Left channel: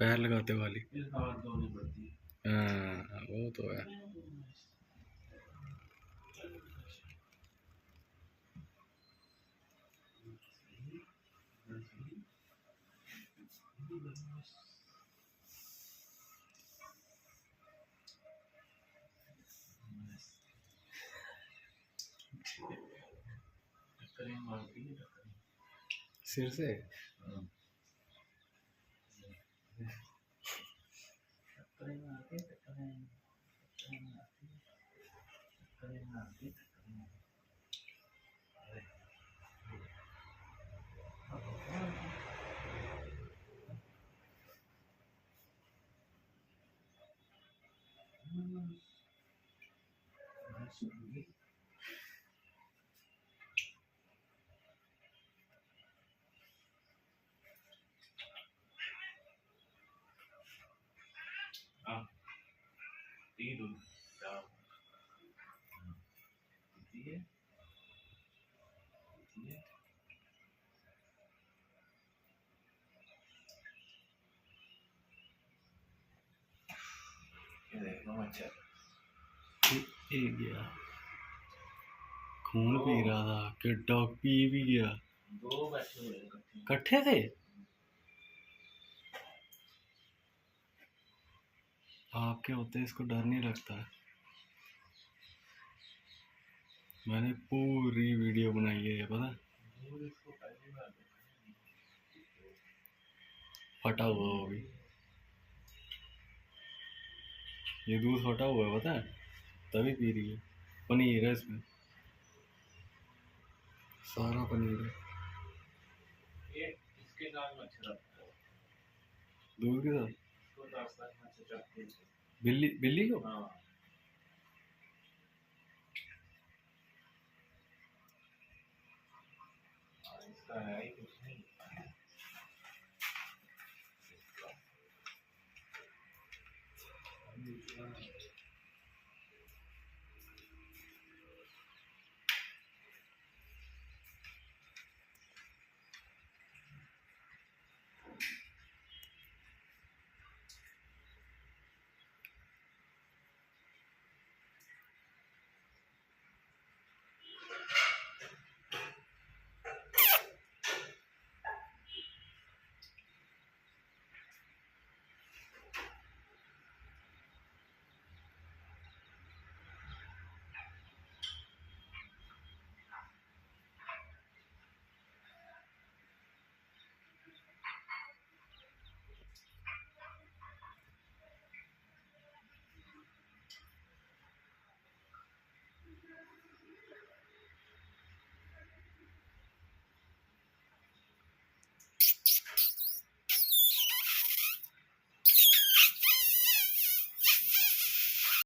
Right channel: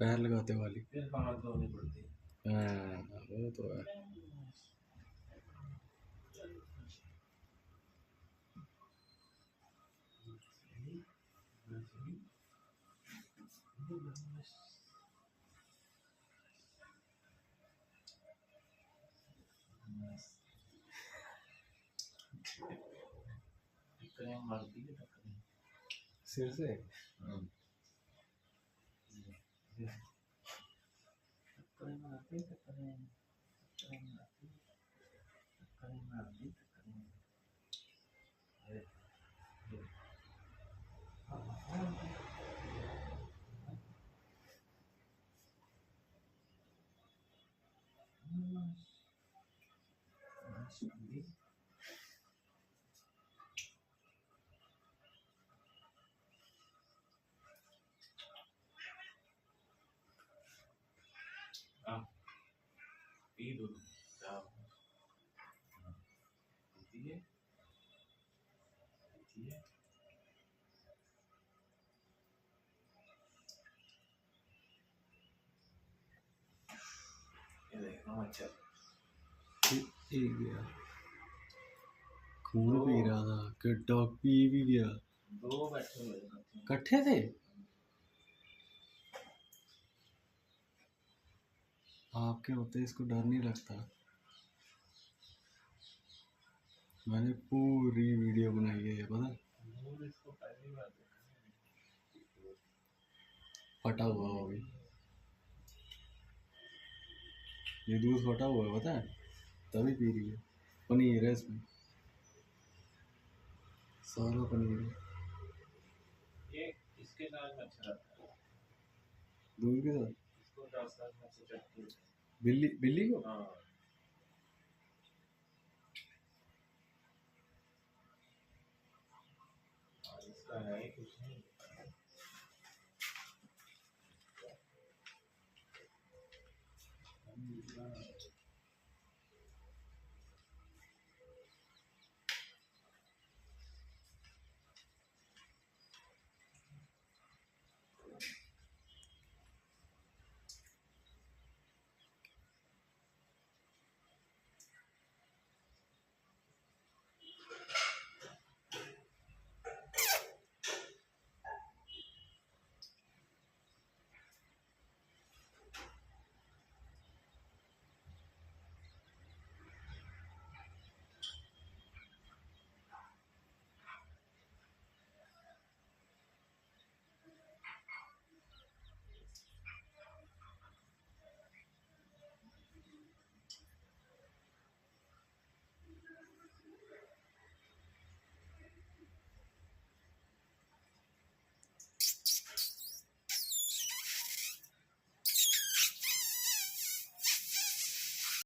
पैर लगाते वाली। फिर हाथ धोनी पड़ती है। हाँ वो तो है। टक्करें मारती है टक्करें। सिर से टक्करें मारती टक्करें टक्करें मारती टक्करें मारती टक्करें। एक गया, खून पी रहा था, किड्डा पी भी गया। दो बैठे हुए इकट्ठे थे। आपके होते इसको डर नहीं लगता। मैंने पूरी वीडियो बनाई है, ये पता है? फटा हुआ वो भी, ये दूध फटा हुआ है पता है, तभी पी रही है। पनीर है इसमें, सारा पनीर है। ये इसके साथ मच्छर आता है। दूध के साथ इसको 10 लाख मच्छर चढ़ते हैं। बिल्ली, बिल्ली को हाँ इसका है